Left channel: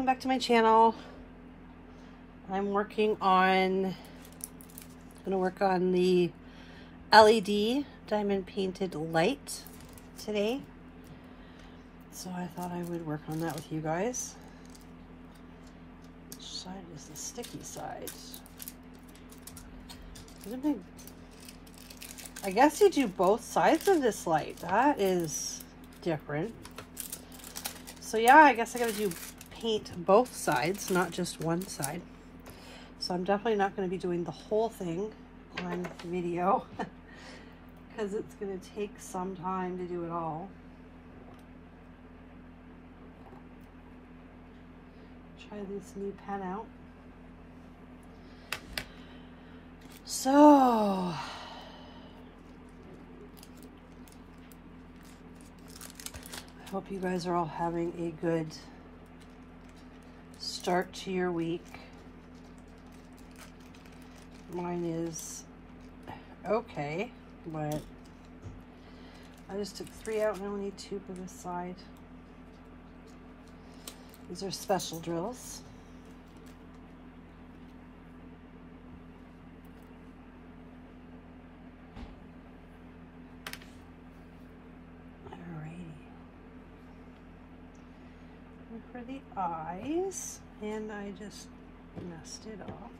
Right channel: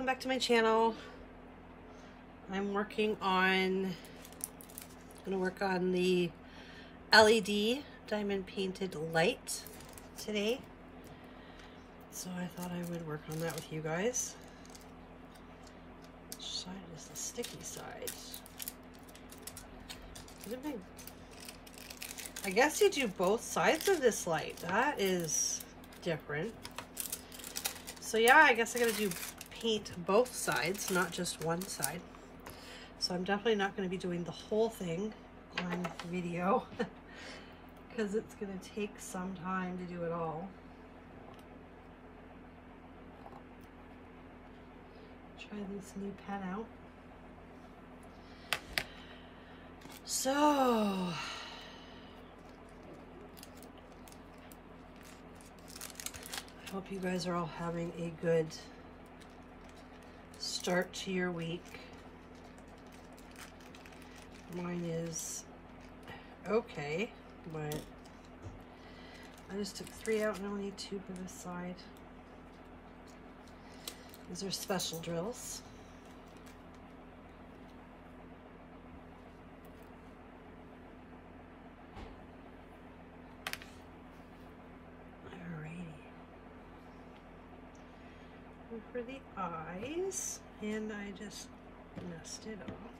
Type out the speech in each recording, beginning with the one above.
welcome back to my channel. I'm working on, gonna work on the LED diamond painted light today. So I thought I would work on that with you guys. Which side is the sticky side? I guess you do both sides of this light. That is different. So yeah, I guess I gotta do paint both sides, not just one side. So I'm definitely not going to be doing the whole thing on video because it's going to take some time to do it all. Try this new pen out. So I hope you guys are all having a good start to your week. Mine is okay, but I just took 3 out and I only need 2 for this side. These are special drills. Alrighty. And for the eyes, and I just messed it up.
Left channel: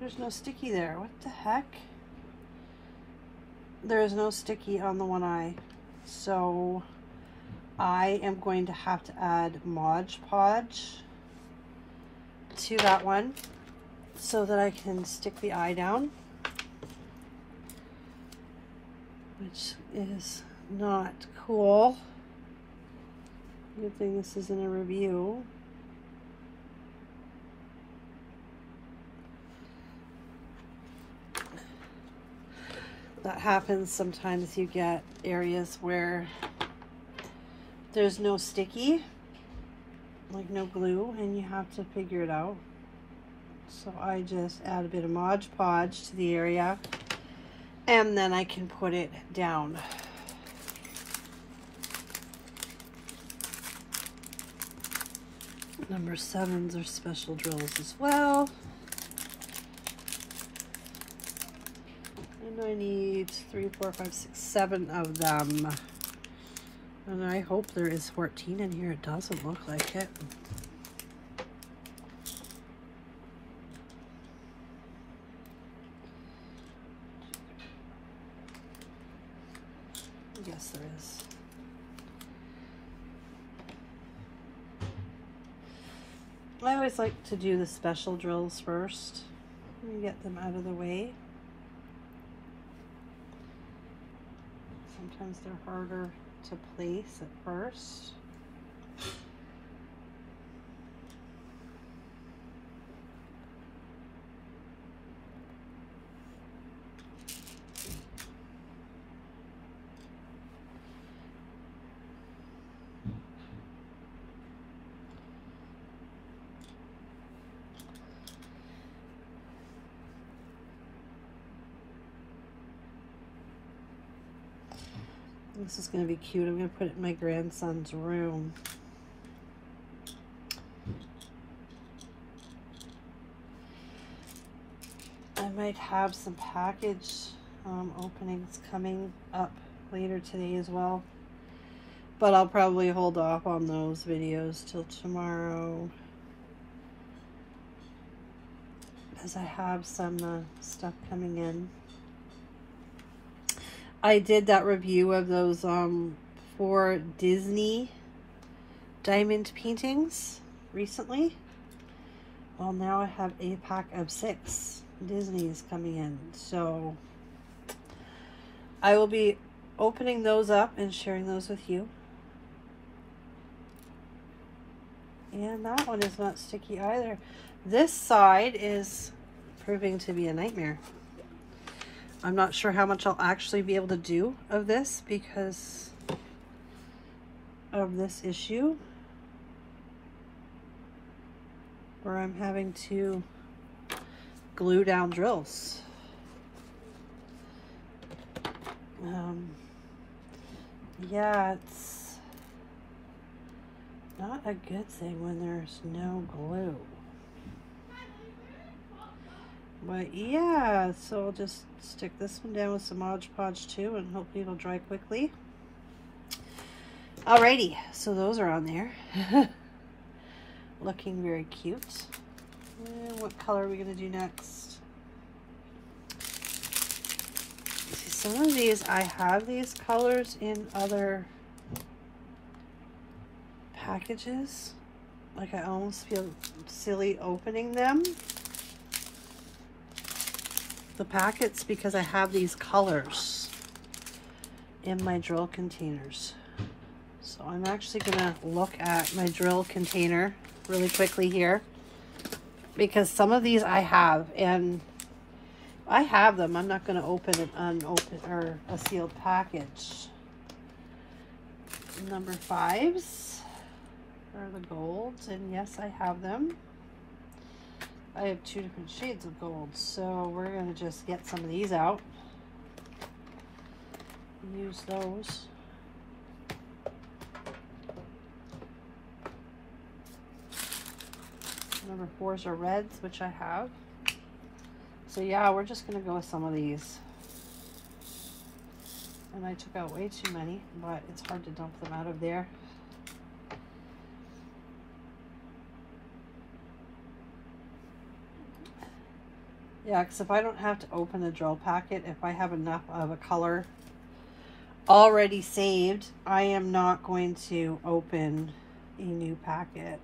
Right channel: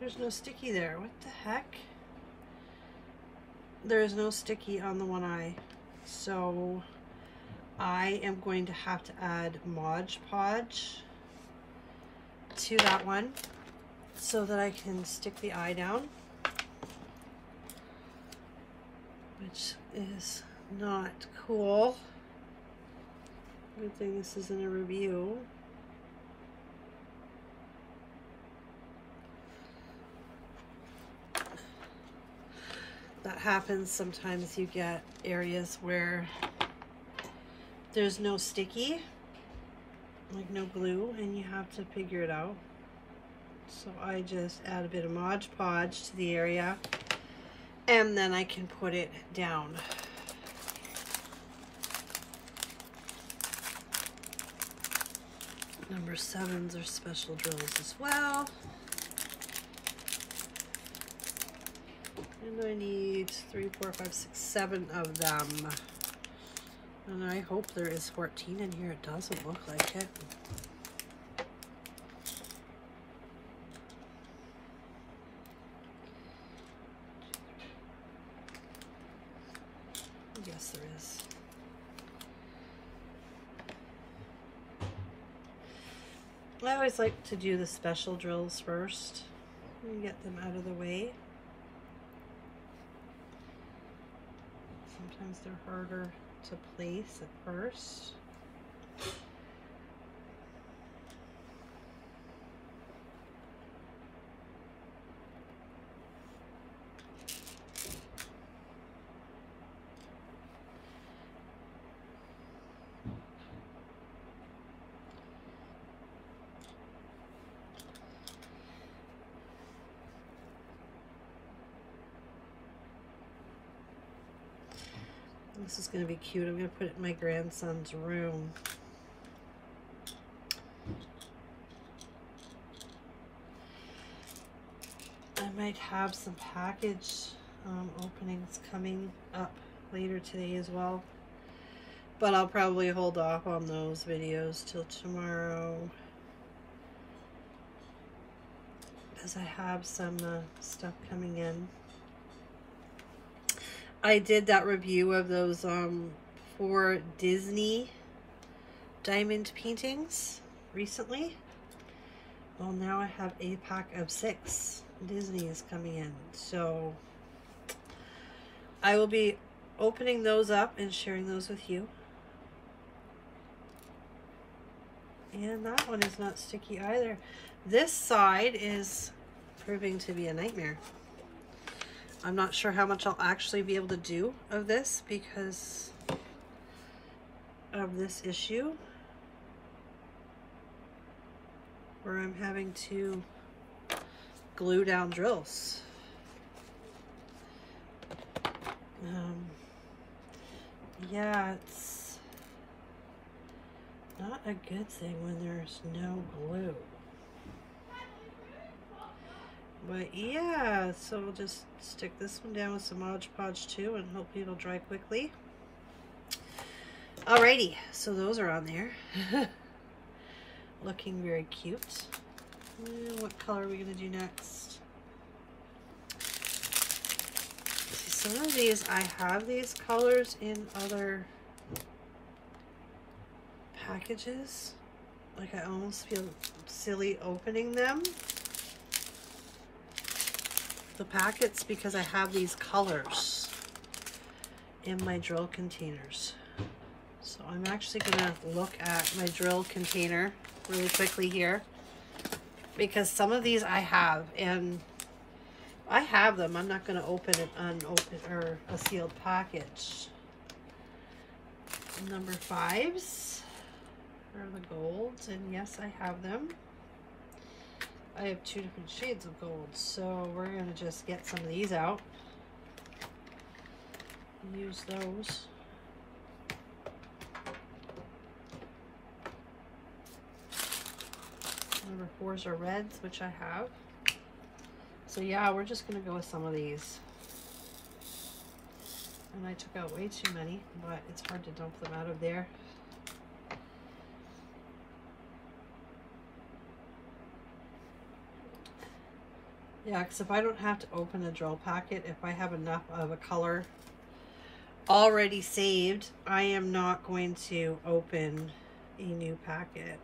There's no sticky there. What the heck? There is no sticky on the one eye. So I am going to have to add Mod Podge to that one so that I can stick the eye down, which is not cool. Good thing this isn't a review. That happens sometimes. You get areas where there's no sticky, like no glue, and you have to figure it out. So I just add a bit of Mod Podge to the area and then I can put it down. Number 7s are special drills as well. I need 3, 4, 5, 6, 7 of them. And I hope there is 14 in here. It doesn't look like it. Yes, there is. I always like to do the special drills first and get them out of the way. Sometimes they're harder to place at first. This is going to be cute. I'm going to put it in my grandson's room. I might have some package openings coming up later today as well. But I'll probably hold off on those videos till tomorrow, because I have some stuff coming in. I did that review of those 4 Disney diamond paintings recently. Well, now I have a pack of 6 Disney's coming in. So I will be opening those up and sharing those with you. And that one is not sticky either. This side is proving to be a nightmare. I'm not sure how much I'll actually be able to do of this because of this issue, where I'm having to glue down drills. Yeah, it's not a good thing when there's no glue. But yeah, so I'll just stick this one down with some Mod Podge too, and hopefully it'll dry quickly. Alrighty, so those are on there. Looking very cute. And what color are we gonna do next? See, some of these, I have these colors in other packages. Like I almost feel silly opening them, the packets, because I have these colors in my drill containers. So I'm actually gonna look at my drill container really quickly here, because some of these I have, and I have them. I'm not gonna open an unopened or a sealed package. Number 5s are the golds, and yes, I have them. I have 2 different shades of gold, so we're gonna just get some of these out. Use those. Number 4s are reds, which I have. So yeah, we're just gonna go with some of these. And I took out way too many, but it's hard to dump them out of there. Yeah, because if I don't have to open a drill packet, if I have enough of a color already saved, I am not going to open a new packet.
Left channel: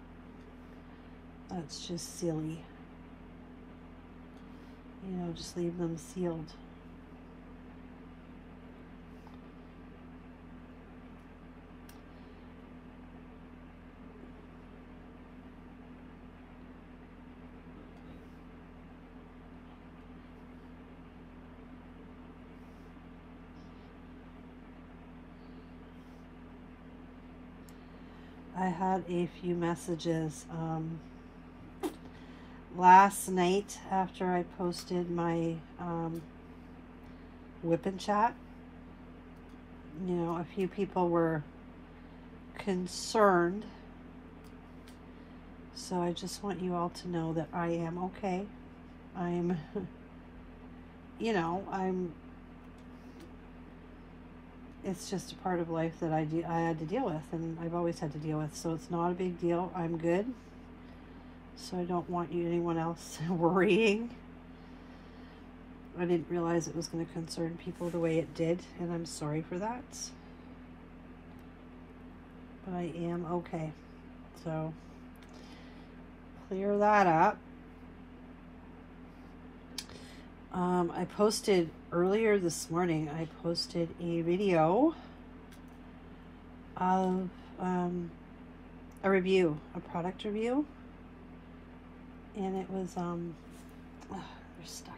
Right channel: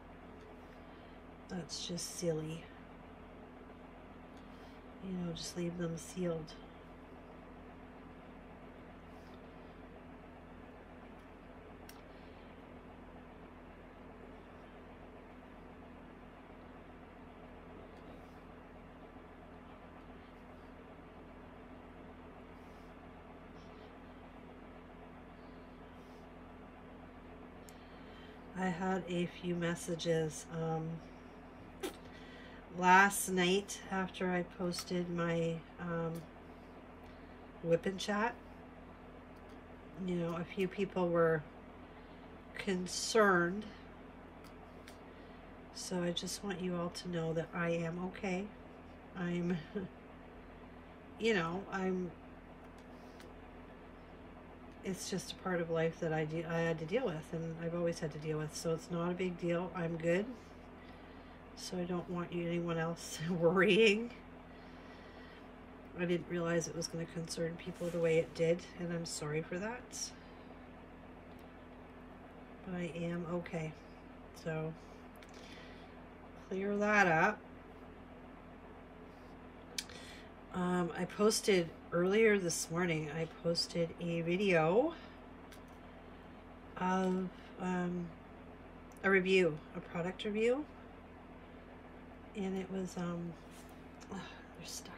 That's just silly. You know, just leave them sealed. I had a few messages last night after I posted my whip and chat. You know, a few people were concerned, so I just want you all to know that I am okay. I'm you know, it's just a part of life that I had to deal with, and I've always had to deal with, so it's not a big deal. I'm good. So I don't want anyone else worrying. I didn't realize it was going to concern people the way it did, and I'm sorry for that. But I am okay. So clear that up. I posted earlier this morning, I posted a video of a review, a product review, and it was, they're stuck.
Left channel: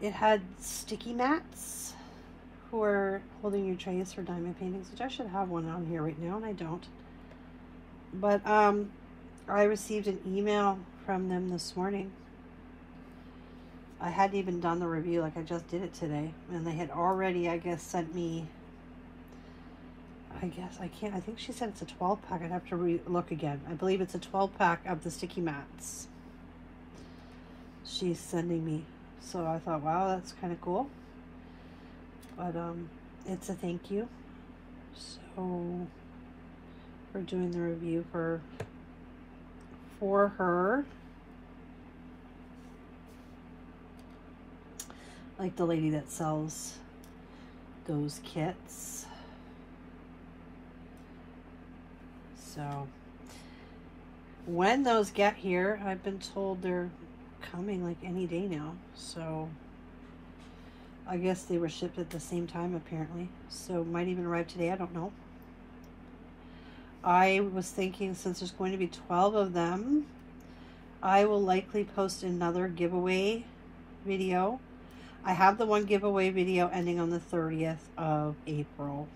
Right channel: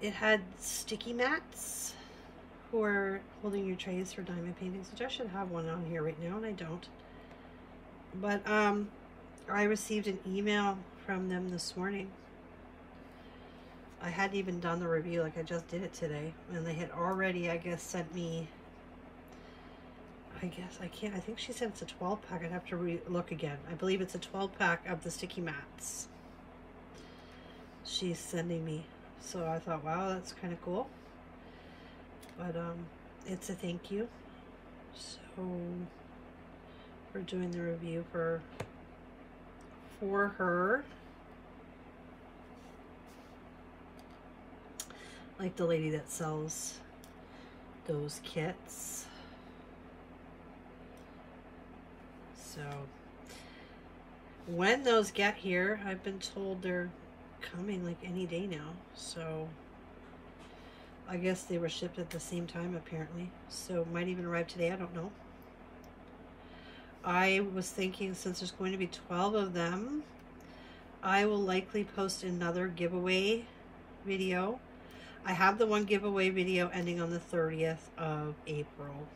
It had sticky mats for holding your trays for diamond paintings, which I should have one on here right now, and I don't. But I received an email from them this morning. I hadn't even done the review, like I just did it today, and they had already, I guess, sent me, I think she said it's a 12-pack. I'd have to look again. I believe it's a 12-pack of the sticky mats she's sending me. So I thought, wow, that's kind of cool. But it's a thank you. So we're doing the review for her. Like the lady that sells those kits. So when those get here, I've been told they're coming like any day now. So I guess they were shipped at the same time apparently. So might even arrive today, I don't know. I was thinking, since there's going to be 12 of them, I will likely post another giveaway video. I have the one giveaway video ending on the 30th of April.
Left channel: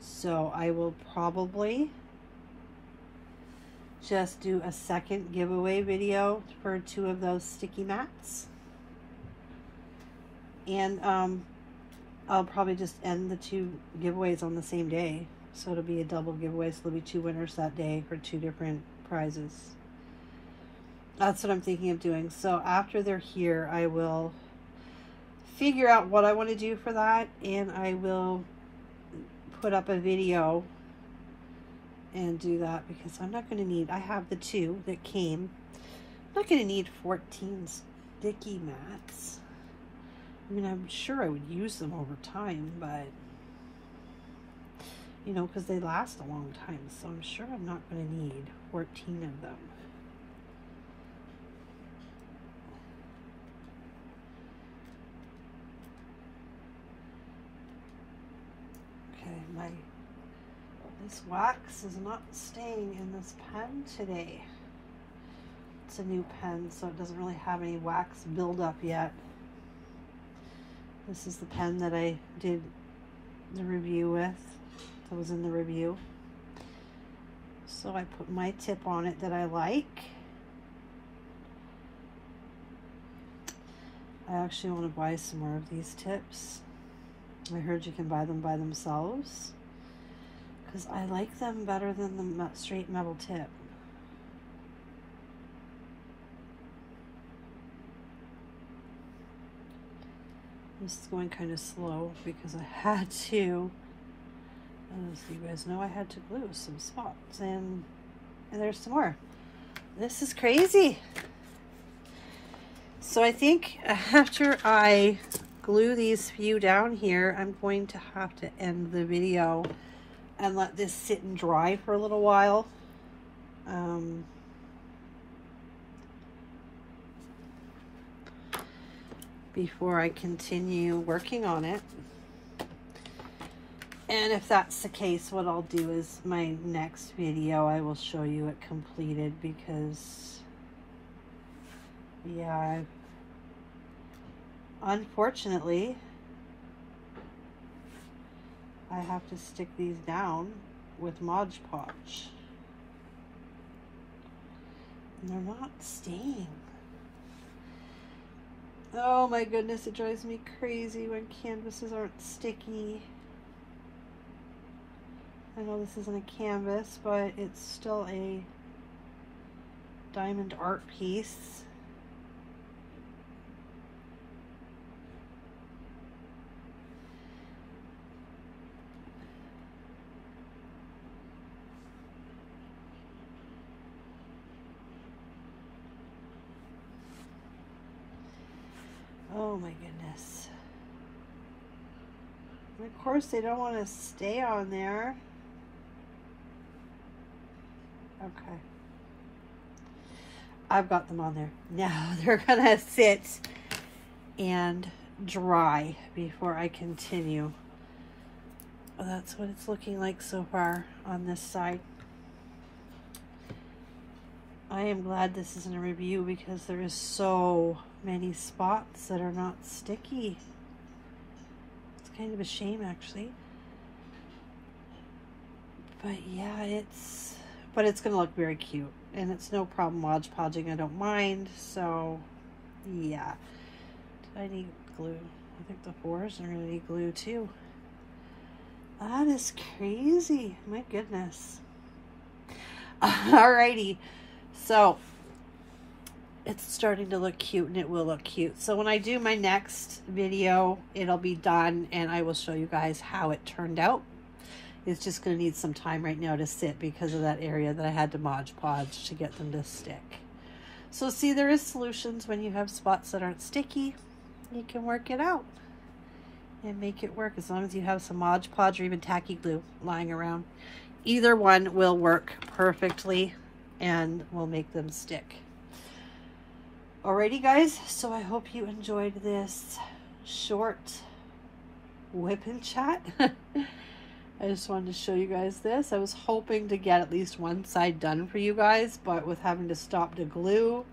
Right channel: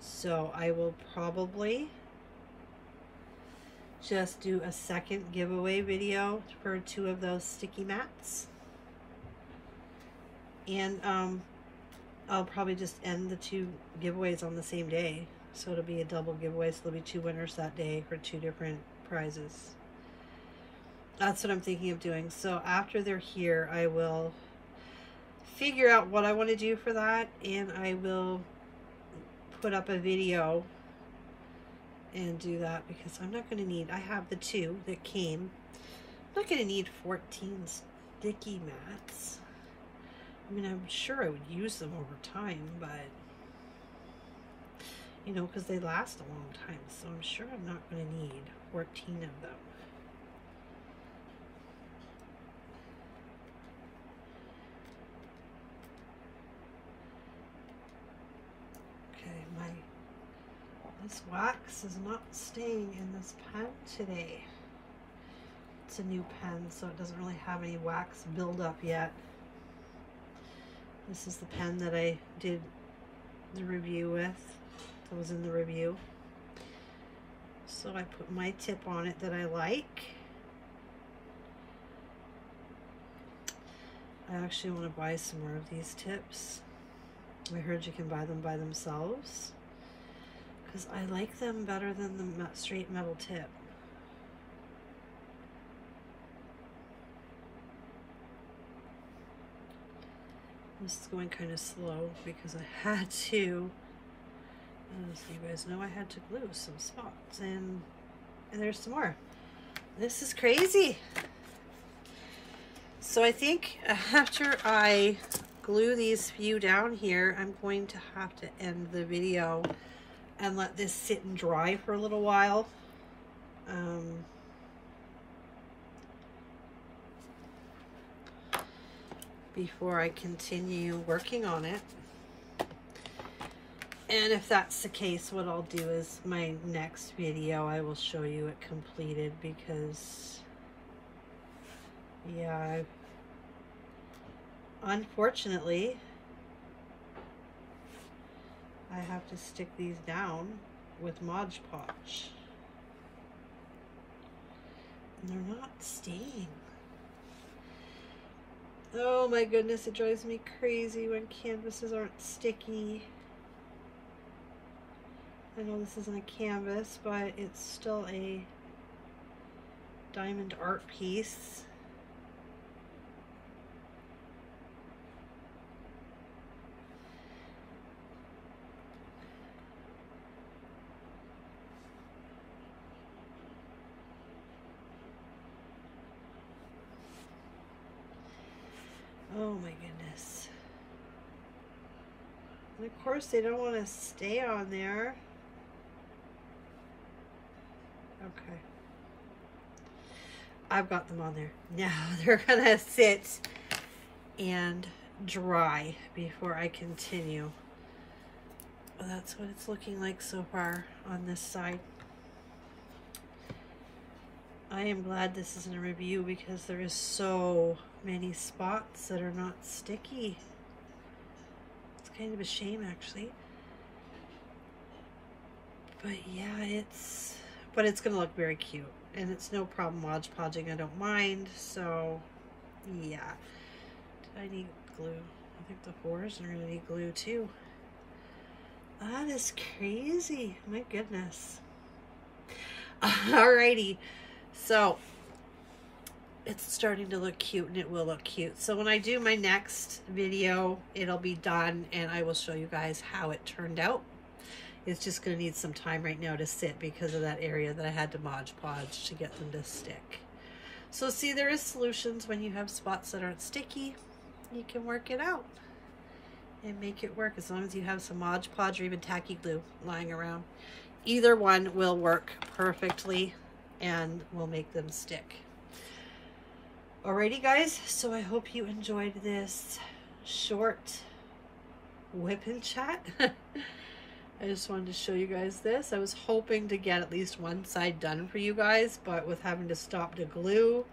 So I will probably just do a second giveaway video for 2 of those sticky mats. And I'll probably just end the 2 giveaways on the same day. So it'll be a double giveaway. So there'll be 2 winners that day for 2 different prizes. That's what I'm thinking of doing. So after they're here, I will figure out what I want to do for that. And I will put up a video and do that, because I'm not going to need, I have the 2 that came. I'm not going to need 14 sticky mats. I mean, I'm sure I would use them over time, but, you know, because they last a long time, so I'm sure I'm not going to need 14 of them. Okay, this wax is not staying in this pen today. It's a new pen, so it doesn't really have any wax buildup yet. This is the pen that I did the review with. That was in the review. So I put my tip on it that I like. I actually want to buy some more of these tips. I heard you can buy them by themselves, because I like them better than the straight metal tip. This is going kind of slow because I had to, as you guys know, I had to glue some spots, and there's some more. This is crazy. So I think after I glue these few down here, I'm going to have to end the video and let this sit and dry for a little while. Before I continue working on it. And if that's the case, what I'll do is my next video, I will show you it completed, because yeah, unfortunately, I have to stick these down with Mod Podge. And they're not staying. Oh my goodness, it drives me crazy when canvases aren't sticky. I know this isn't a canvas, but it's still a diamond art piece. Oh my goodness. And of course they don't want to stay on there. Okay. I've got them on there. Now they're gonna sit and dry before I continue. Well, that's what it's looking like so far on this side. I am glad this isn't a review, because there is so many spots that are not sticky. It's kind of a shame, actually. But yeah, it's gonna look very cute, and it's no problem Mod Podging. I don't mind. So yeah. Did I need glue? I think the 4s are gonna need glue too. That is crazy. My goodness. Alrighty. So it's starting to look cute, and it will look cute. So when I do my next video, it'll be done, and I will show you guys how it turned out. It's just going to need some time right now to sit because of that area that I had to Mod Podge to get them to stick. So see, there is solutions when you have spots that aren't sticky. You can work it out and make it work, as long as you have some Mod Podge or even tacky glue lying around. Either one will work perfectly and will make them stick. Alrighty guys, so I hope you enjoyed this short whip and chat. I just wanted to show you guys this. I was hoping to get at least one side done for you guys, but with having to stop to glue,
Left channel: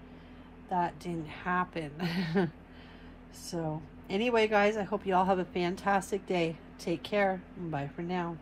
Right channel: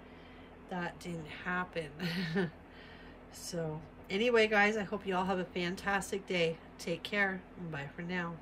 that didn't happen. So anyway guys, I hope you all have a fantastic day. Take care. Bye for now.